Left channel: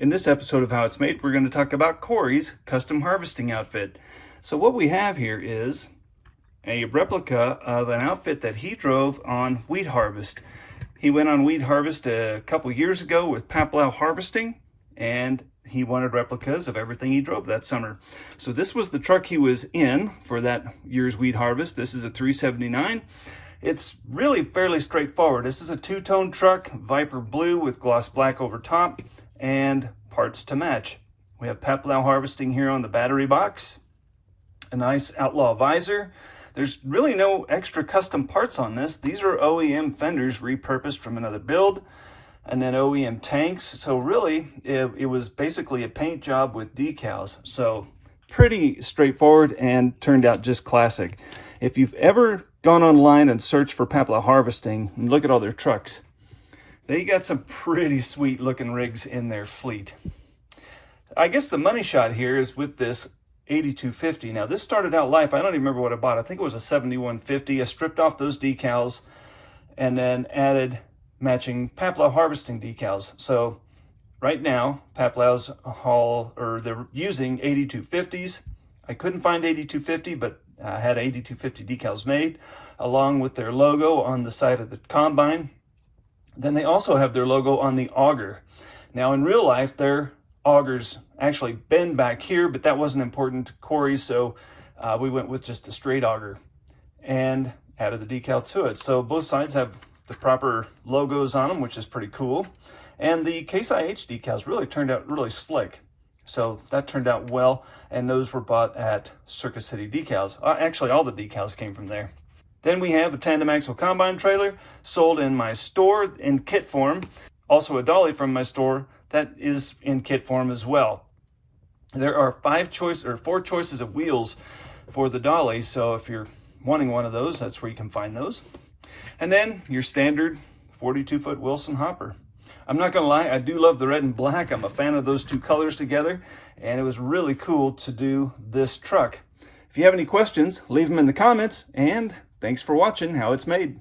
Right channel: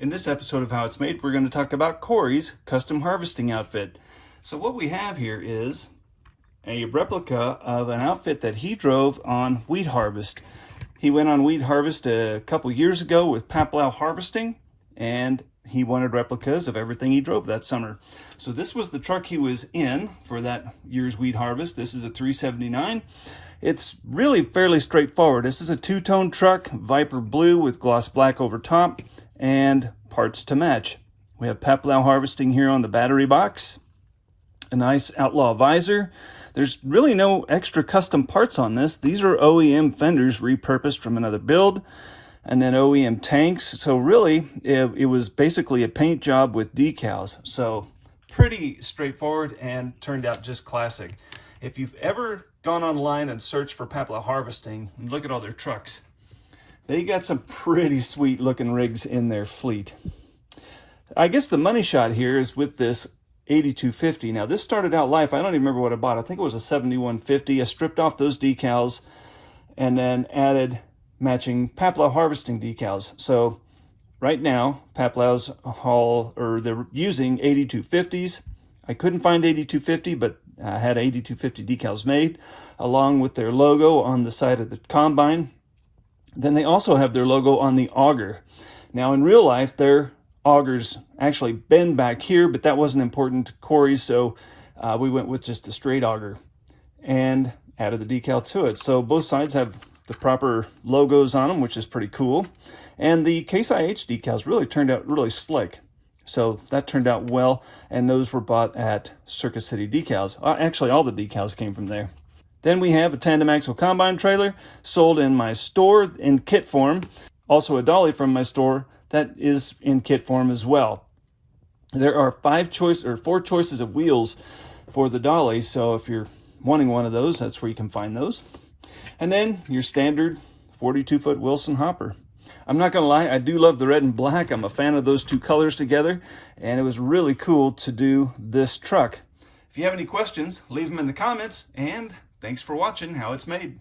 In this episode of How It's Made, we're going to talk about Corey's custom harvesting outfit. So what we have here is a replica of an outfit that he drove on wheat harvest. He went on wheat harvest a couple years ago with Paplow harvesting, and he wanted replicas of everything he drove that summer. So this was the truck he was in for that year's wheat harvest. This is a 379. It's really fairly straightforward. This is a two-tone truck, Viper blue with gloss black over top, and parts to match. We have Paplow harvesting here on the battery box, a nice Outlaw visor. There's really no extra custom parts on this. These are OEM fenders repurposed from another build, and then OEM tanks. So really, it was basically a paint job with decals. So pretty straightforward and turned out just classic. If you've ever gone online and searched for Paplow harvesting and look at all their trucks, they got some pretty sweet looking rigs in their fleet. I guess the money shot here is with this 8250. Now this started out life, I don't even remember what I bought. I think it was a 7150. I stripped off those decals and then added matching Paplow harvesting decals. So right now, Paplow's they're using 8250s. I couldn't find 8250, but I had 8250 decals made along with their logo on the side of the combine. Then they also have their logo on the auger. Now in real life, their augers actually bend back here, but that wasn't important to Corey, so we went with just a straight auger and added the decal to it. So both sides have the proper logos on them, which is pretty cool. And the Case IH decals really turned out really slick. So that turned out well, and those were bought at Circus City Decals. Actually, all the decals came from there. Then we have a tandem axle combine trailer sold in my store in kit form. Also a dolly from my store that is in kit form as well. There are four choices of wheels for the dolly, so if you're wanting one of those, that's where you can find those. And then your standard 42-foot Wilson hopper. I'm not gonna lie, I do love the red and black. I'm a fan of those two colors together, and it was really cool to do this truck. If you have any questions, leave them in the comments, and thanks for watching How It's Made.